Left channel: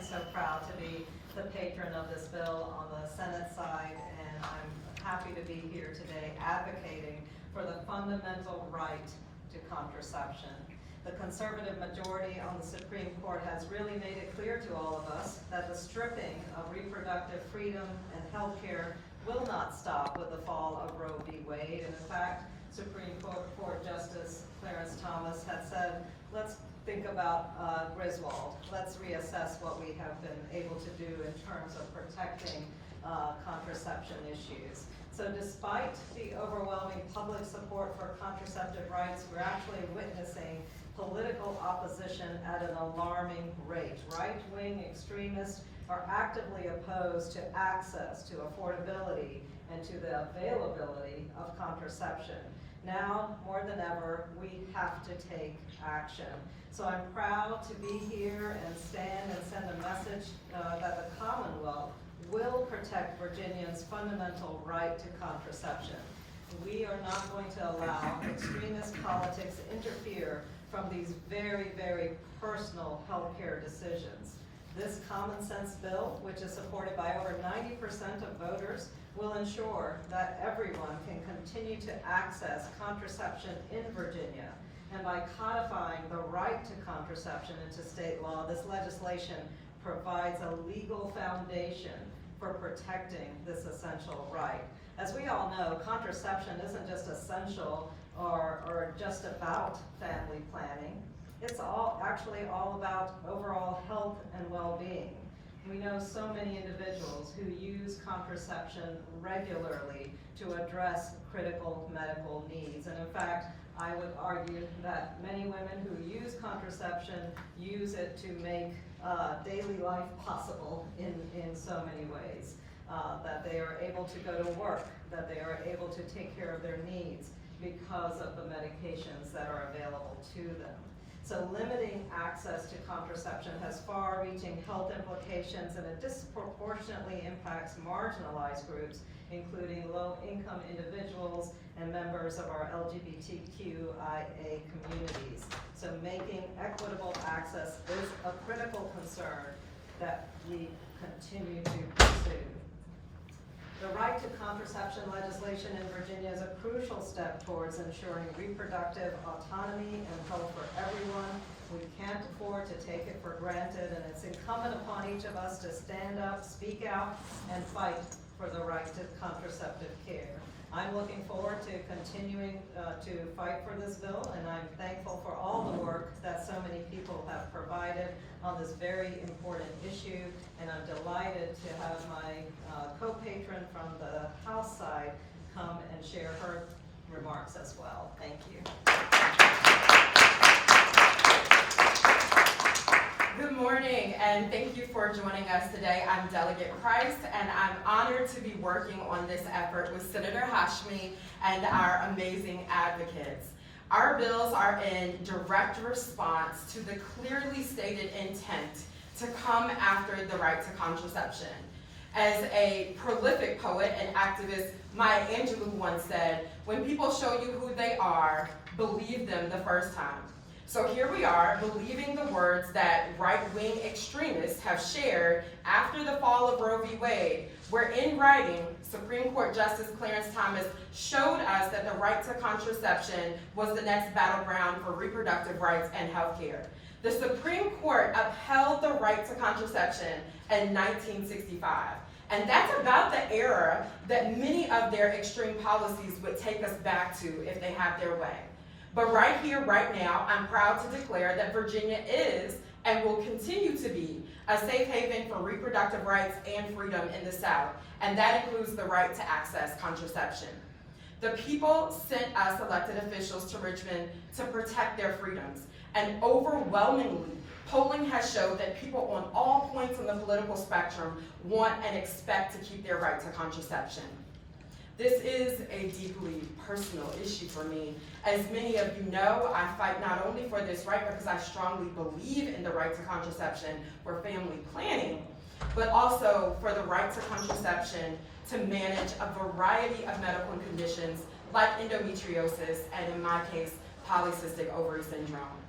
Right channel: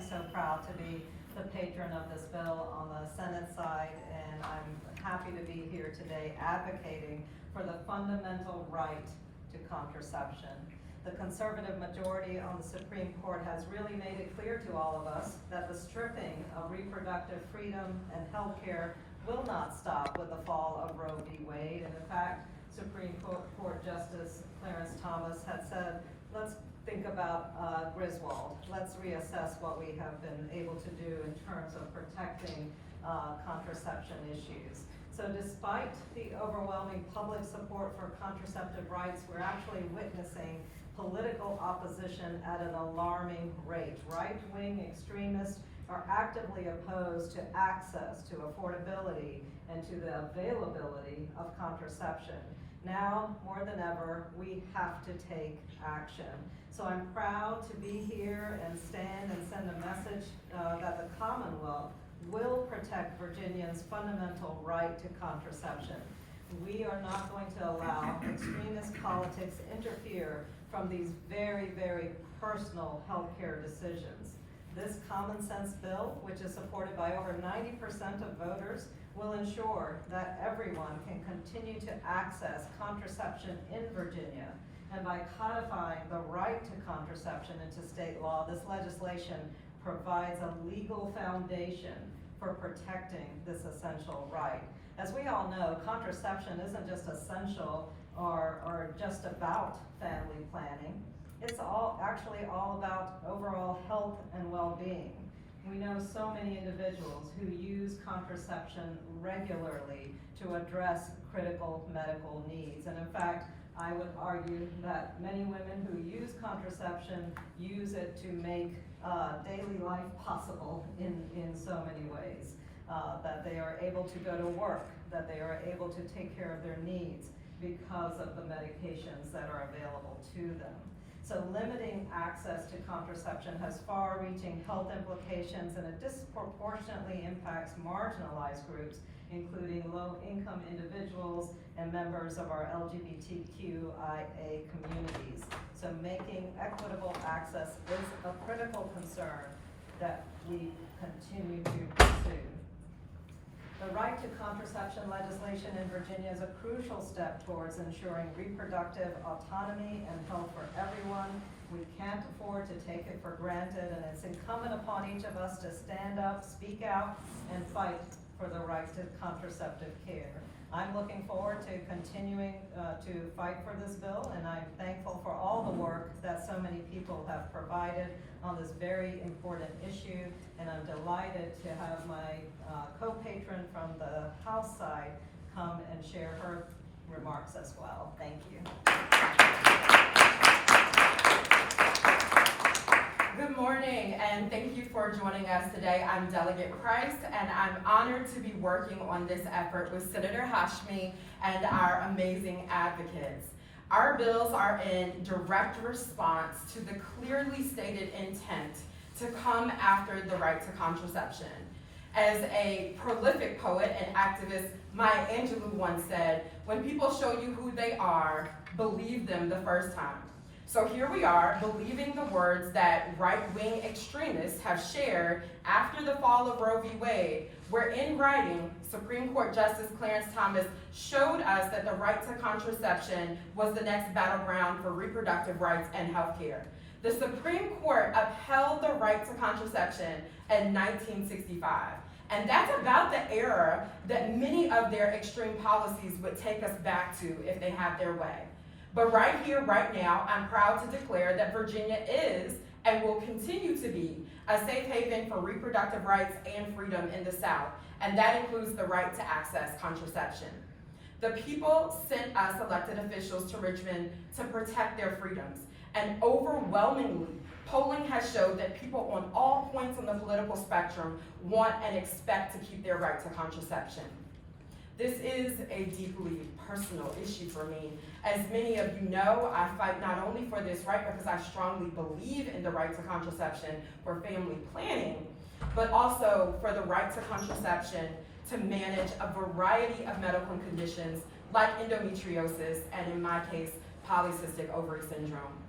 am so proud to be the patron of this bill on the Senate side, and I'm happy to be here today advocating for the fundamental right to contraception. The conservative majority on the Supreme Court has really made it clear to all of us that the stripping of reproductive freedom and health care will not stop with the fall of Roe v. Wade. And in fact, Supreme Court Justice Clarence Thomas had said, let's think about Griswold. Let's reassess what we have been able to do in terms of protecting contraception issues. So despite the overwhelming public support for contraceptive rights, we're actually witnessing political opposition at an alarming rate. Right-wing extremists are actively opposed to access, to affordability, and to the availability of contraception. Now, more than ever, we have to take action. So I'm proud to be here and stand and send a message that the Commonwealth will protect Virginians' fundamental right to contraception. We are not going to allow extremist politics to interfere from these very, very personal healthcare decisions. This common sense bill, which is supported by over 90% of voters, will ensure that everyone can continue to access contraception in Virginia. And by codifying the right to contraception into state law, this legislation provides a legal foundation for protecting this essential right. As we all know, contraception isn't just essential or just about family planning. It's actually all about overall health and well-being. We know so many individuals who use contraception regularly to address critical medical needs. And in fact, I would argue that many women who use contraception use it to make daily life possible in so many ways. That they are able to go to work, that they are able to take care of their needs because of the medications that are available to them. So limiting access to contraception has far-reaching health implications, and it disproportionately impacts marginalized groups, including low-income individuals and members of our LGBTQIA communities. So making equitable access is a critical concern that we continue to pursue. The right to contraception legislation in Virginia is a crucial step towards ensuring reproductive autonomy and health for everyone. We can't afford to take it for granted, and it's incumbent upon each of us to stand up, speak out, and fight for the right to contraceptive care. I'm looking forward to continuing to fight for this bill, and I'm thankful for all the work that so many people have provided on this very important issue, and I'm delighted to have my co-patron from the House side come and share her remarks as well. Thank you. Good morning, and thank you for joining us today. I'm Delegate Price, and I'm honored to be working on this effort with Senator Hashmi and our amazing advocates. Our bills are in direct response to the clearly stated intent to come after the right to contraception. As a prolific poet and activist, Maya Angelou once said, "When people show you who they are, believe them the first time." So here we are, believing the words that right-wing extremists have shared after the fall of Roe v. Wade, where in writing, Supreme Court Justice Clarence Thomas showed us that the right to contraception was the next battleground for reproductive rights and health care. The Supreme Court upheld the right to contraception in 1965. And that's about the era that many of their extreme policies would take us back to if they had their way. But right here, right now, I'm proud to declare that Virginia is and will continue to be a safe haven for reproductive rights and freedom in the South, and that includes the right to access contraception. The people sent us elected officials to Richmond to protect their freedoms, and overwhelmingly, polling has showed that people on all points on the political spectrum want and expect to keep their right to contraception. This is a deeply personal issue for me. As many of you know, I fight not only for this right because I strongly believe in the right to contraception for family planning, but also for the right to contraception to manage a variety of medical conditions like endometriosis and, in my case, polycystic ovary syndrome.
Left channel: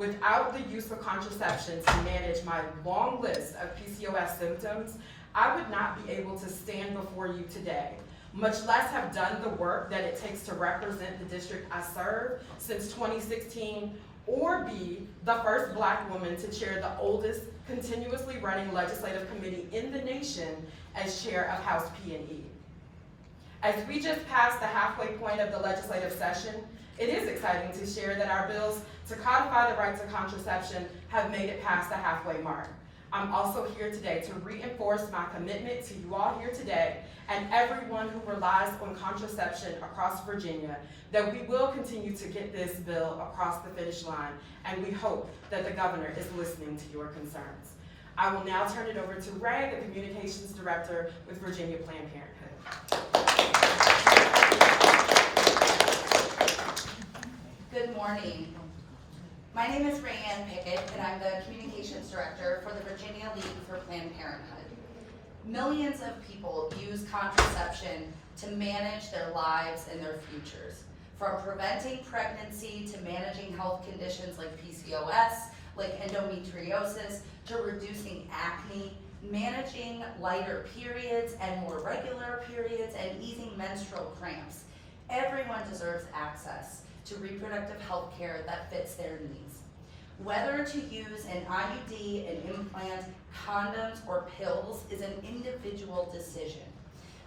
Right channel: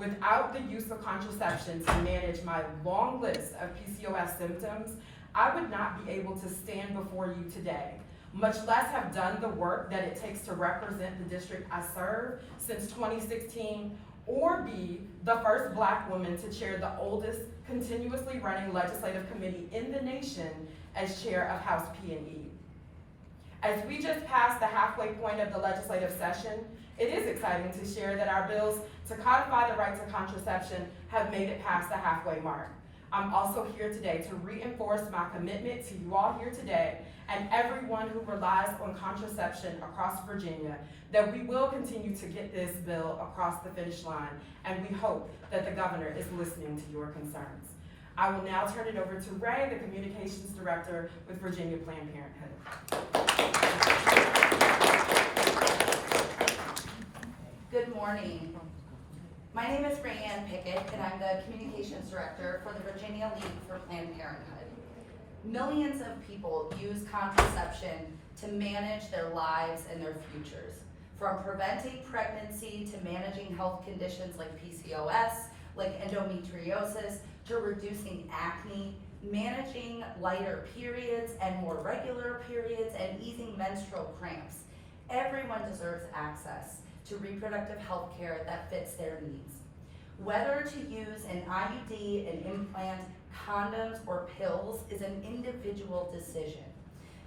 Without the use of contraception to manage my long list of PCOS symptoms, I would not be able to stand before you today, much less have done the work that it takes to represent the district I serve since 2016, or be the first Black woman to chair the oldest continuously running legislative committee in the nation as chair of House P&E. As we just passed the halfway point of the legislative session, it is exciting to share that our bills to codify the right to contraception have made it past the halfway mark. I'm also here today to reinforce my commitment to you all here today and everyone who relies on contraception across Virginia, that we will continue to get this bill across the finish line, and we hope that the governor is listening to your concerns. I will now turn it over to Ray, the Communications Director with Virginia Planned Parenthood. Good morning. My name is Rayanne Pickett, and I'm the Communications Director for the Virginia League for Planned Parenthood. Millions of people use contraception to manage their lives and their futures, from preventing pregnancy to managing health conditions like PCOS, like endometriosis, to reducing acne, managing lighter periods and more regular periods, and easing menstrual cramps. Everyone deserves access to reproductive health care that fits their needs. Whether to use an IUD, an implant, condoms, or pills is an individual decision.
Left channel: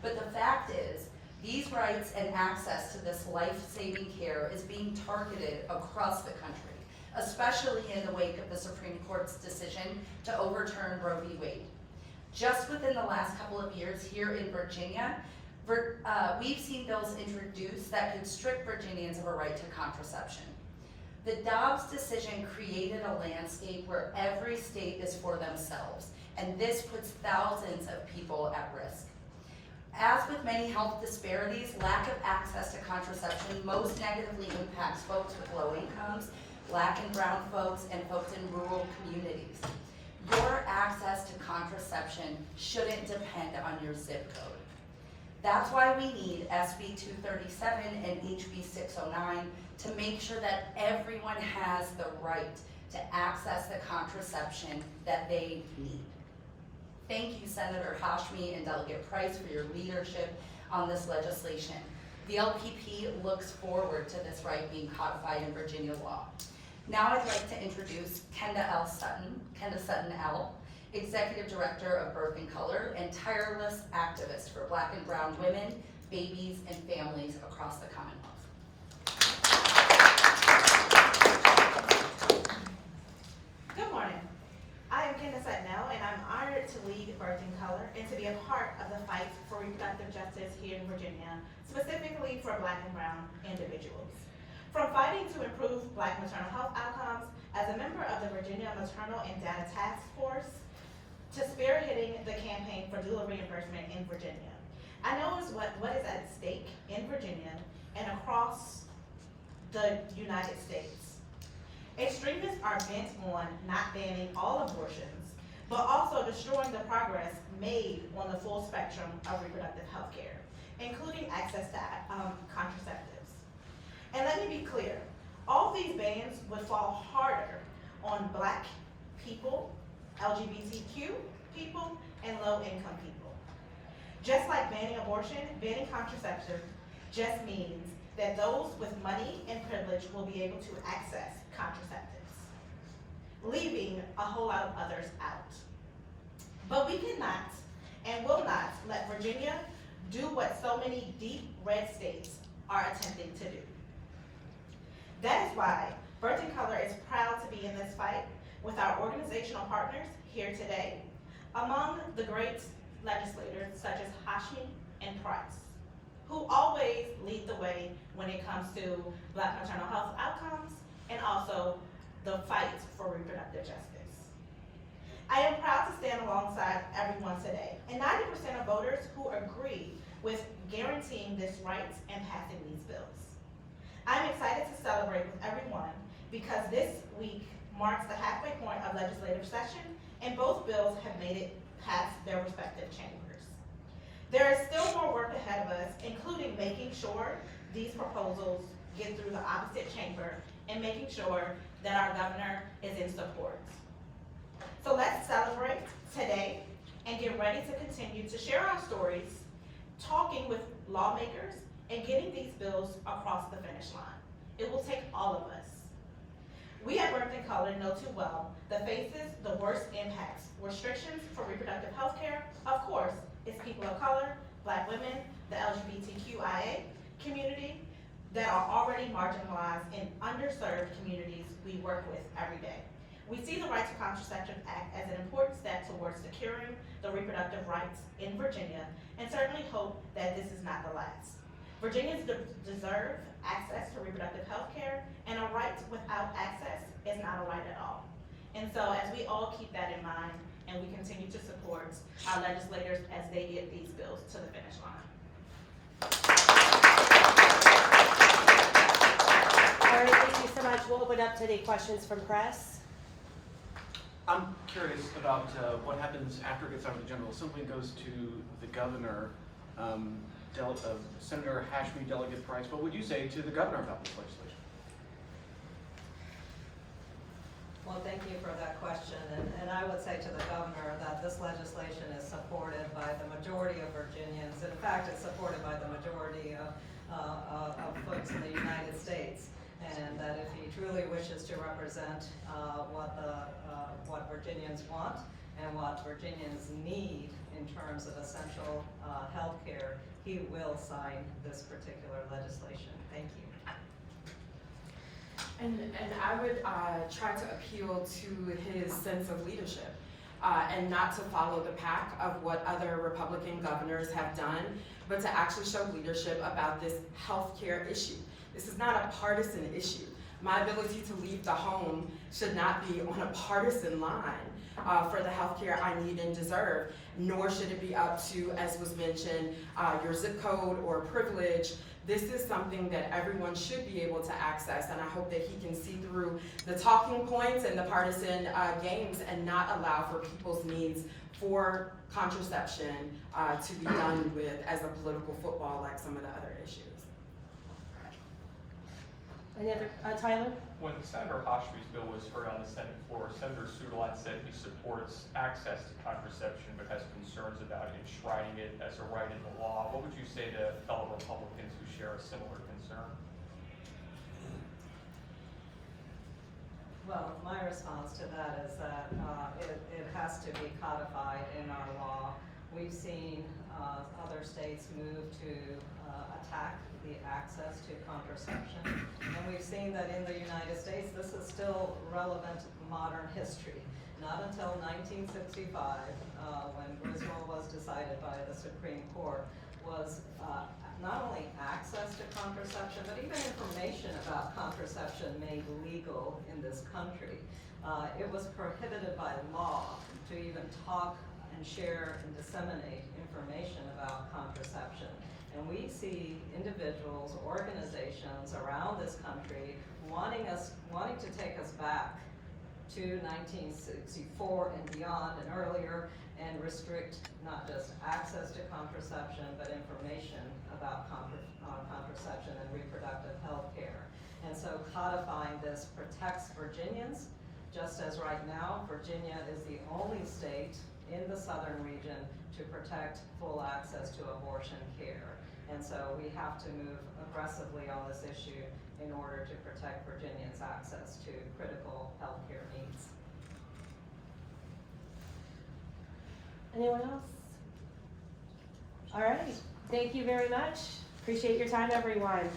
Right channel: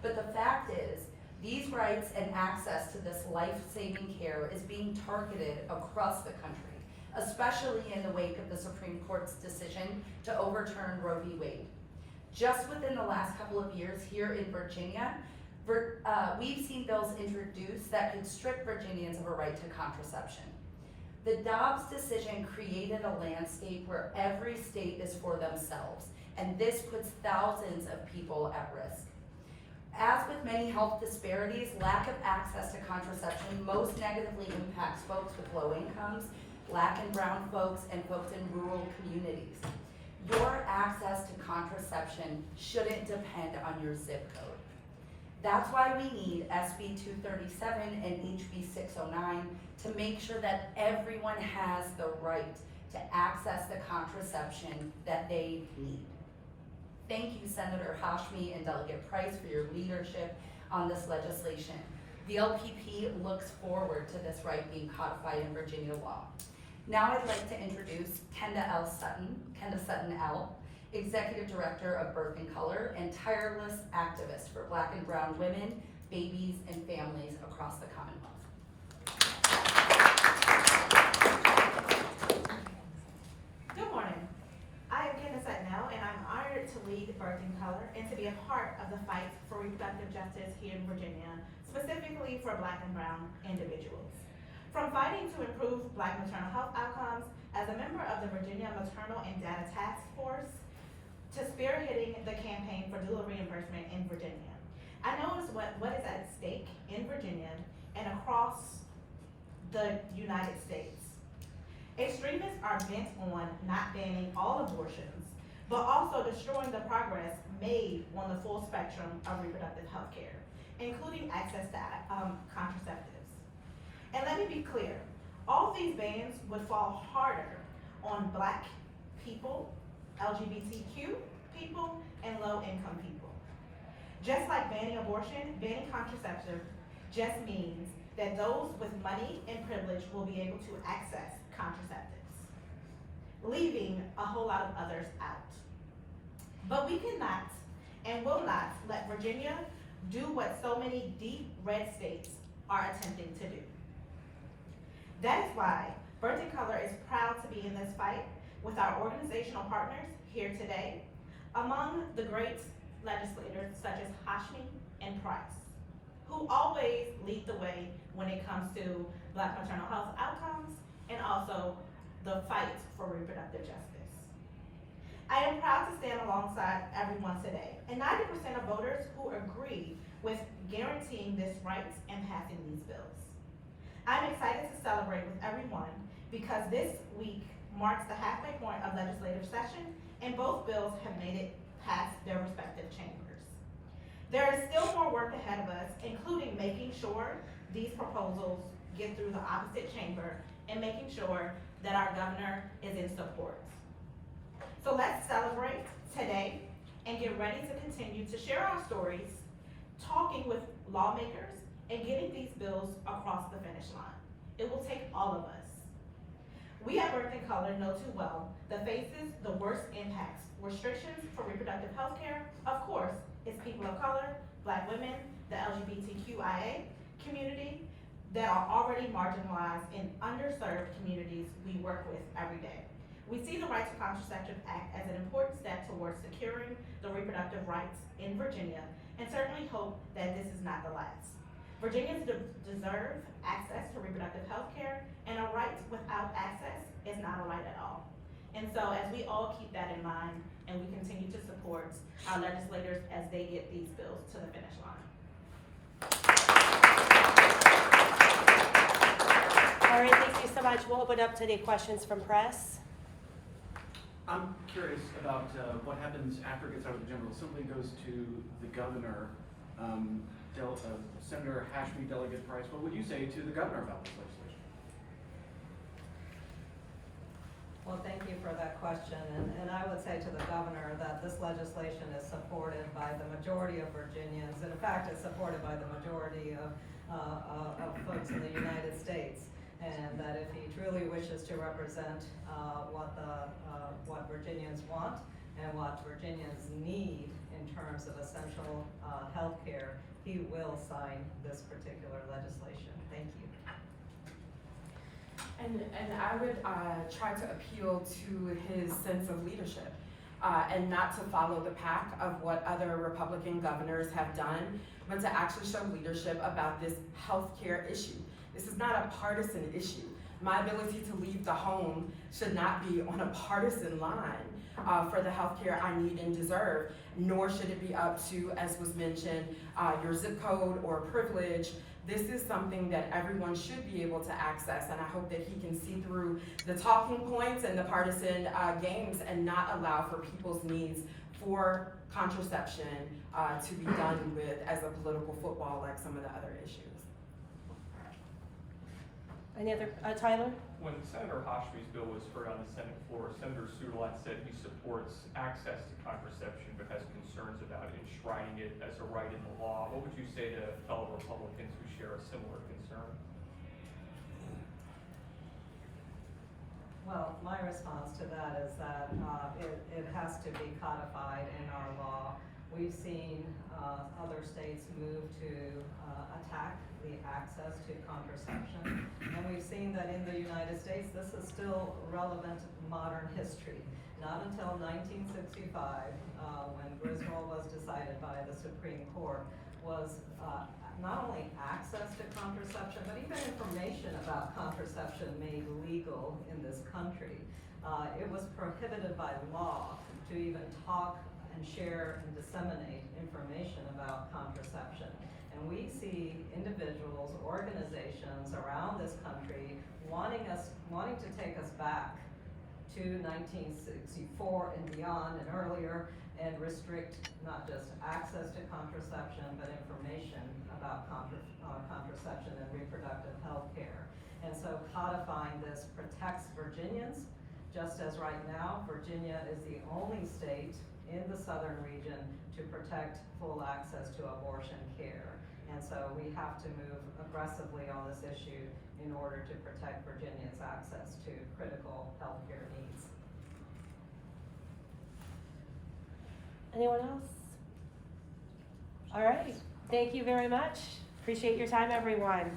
But the fact is, these rights and access to this life-saving care is being targeted across the country, especially in the wake of the Supreme Court's decision to overturn Roe v. Wade. Just within the last couple of years here in Virginia, we've seen bills introduced that could strip Virginians of a right to contraception. The Dobbs decision created a landscape where every state is for themselves, and this puts thousands of people at risk. As with many health disparities, lack of access to contraception most negatively impacts folks with low incomes, Black and brown folks, and folks in rural communities. Your access to contraception shouldn't depend on your zip code. That's why we need SB 237 and HB 609 to make sure that everyone has the right to access the contraception that they need. Thank you, Senator Hashmi and Delegate Price, for your leadership on this legislation. The LPP looks forward to this right being codified in Virginia law. Now I'd like to introduce Kenda Sutton L., Executive Director of Birth and Color and tireless activist for Black and brown women, babies, and families across the Commonwealth. Good morning. I am Kenda Sutton L., and I'm honored to lead Birth and Color and to be a part of the fight for reproductive justice here in Virginia, specifically for Black and brown individuals. From fighting to improve Black maternal health outcomes as a member of the Virginia Maternal and Data Task Force, to spearheading the campaign for doula reimbursement in Virginia. I know what is at stake in Virginia and across the United States. Extremists are bent on not banning all abortions, but also destroying the progress made on the full spectrum of reproductive health care, including access to contraceptives. And let me be clear, all these bans would fall harder on Black people, LGBTQ people, and low-income people. Just like banning abortion, banning contraception just means that those with money and privilege will be able to access contraceptives, leaving a whole lot of others out. But we cannot and will not let Virginia do what so many deep red states are attempting to do. That is why Birth and Color is proud to be in this fight with our organizational partners here today, among the great legislators such as Hashmi and Price, who always lead the way when it comes to Black maternal health outcomes and also the fight for reproductive justice. I am proud to stand alongside everyone today, and 90% of voters who agree with guaranteeing this right and passing these bills. I'm excited to celebrate with everyone because this week marks the halfway point of legislative session, and both bills have made it past their respective chambers. There is still more work ahead of us, including making sure these proposals get through the opposite chamber and making sure that our governor is in support. So let's celebrate today and get ready to continue to share our stories, talking with lawmakers, and getting these bills across the finish line. It will take all of us. We at Birth in Color know too well that faces the worst impacts, restrictions for reproductive health care, of course, is people of color, Black women, the LGBTQIA community that are already marginalized in underserved communities we work with every day. We see the Right to Contraception Act as an important step towards securing the reproductive rights in Virginia and certainly hope that this is not the last. Virginians deserve access to reproductive health care, and a right without access is not a right at all. And so as we all keep that in mind and we continue to support our legislators as they get these bills to the finish line. All right, thank you so much. We'll open up to any questions from press. I'm curious about what happens after it gets out of the general assembly, goes to the governor. Senator Hashmi, Delegate Price, what would you say to the governor about this legislation? Well, thank you for that question, and I would say to the governor that this legislation is supported by the majority of Virginians. In fact, it's supported by the majority of folks in the United States, and that if he truly wishes to represent what Virginians want and what Virginians need in terms of essential health care, he will sign this particular legislation. Thank you. And I would try to appeal to his sense of leadership and not to follow the pack of what other Republican governors have done, but to actually show leadership about this healthcare issue. This is not a partisan issue. My ability to leave the home should not be on a partisan line for the healthcare I need and deserve, nor should it be up to, as was mentioned, your zip code or privilege. This is something that everyone should be able to access, and I hope that he can see through the talking points and the partisan games and not allow for people's needs for contraception to be done with as a political football like some of the other issues. Any other, Tyler? When Senator Hashmi's bill was heard on the Senate floor, Senator Suderlat said he supports access to contraception but has concerns about enshrining it as a right in the law. What would you say to fellow Republicans who share a similar concern? Well, my response to that is that it has to be codified in our law. We've seen other states move to attack the access to contraception, and we've seen that in the United States this is still relevant modern history. Not until 1965, when Griswold was decided by the Supreme Court, was not only access to contraception, but even information about contraception made legal in this country. It was prohibited by law to even talk and share and disseminate information about contraception. And we see individuals, organizations around this country wanting to take us back to 1964 and beyond and earlier, and restrict not just access to contraception, but information about contraception and reproductive health care. And so codifying this protects Virginians, just as right now, Virginia is the only state in the southern region to protect full access to abortion care. And so we have to move aggressively on this issue in order to protect Virginians' access to critical healthcare needs. Anyone else? All right, thank you very much. Appreciate your time, everyone.